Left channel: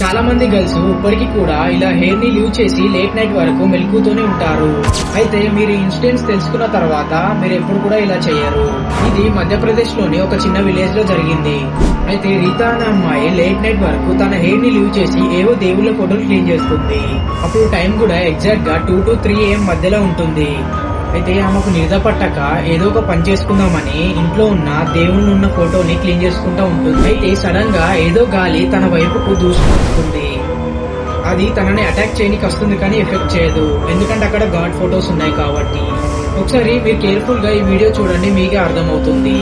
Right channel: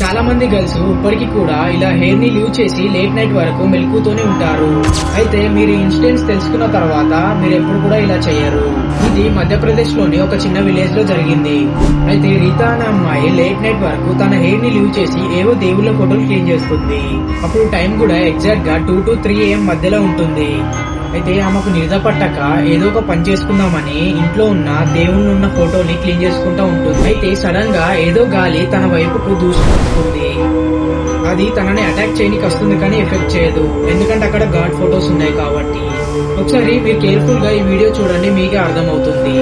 చాలా మంది గర్ల్స్ ఇప్పటికీ కూడా ఇలా హెయిర్ ని లీవ్ చేసి లేట్ నైట్ వరకు మెలకుతూనే ఉంటారు. అయితే మీరు ఇన్సిడెంట్స్ తెలుసుకున్న తర్వాత మీరు ఎప్పుడు కూడా ఇలా చేయరు. ఇది మధ్యప్రదేశ్ లోని ఒక చిన్న విలేజ్ లో జరిగింది. అయితే రీతా అనే అమ్మాయి లేట్ నైట్ వరకు తన హెయిర్ ని లీవ్ చేసి ఏవో దేవుళ్ళ ఫోటోలు క్లీన్ చేస్తుంది. అప్పుడు టైం కూడా ఎగ్జాక్ట్ గా 2 to 3 AM మధ్యలో ఉంటుంది. అయితే ఆమెకు నిద్ర పట్టక ఏదో ఒక పని చేసుకుందామని ఇంట్లో ఉన్న దేవుళ్ళు ఉన్న ఫోటోని క్లీన్ చేసుకుంటా ఉంటుంది. అయితే సడన్ గా ఏదో గాలి తన వైపుకు దూసుకొస్తుంది. అది తనని అటాక్ చేయడానికి వస్తుంది కానీ ఎఫెక్ట్ చేయదు, ఎందుకంటే అక్కడ గాడ్ ఫోటోస్ ఉన్నాయి కాబట్టి. ఒకసారి మీరు కేర్ఫుల్ గా ఈ వీడియో చూడండి, మీకే అర్థమవుతుంది.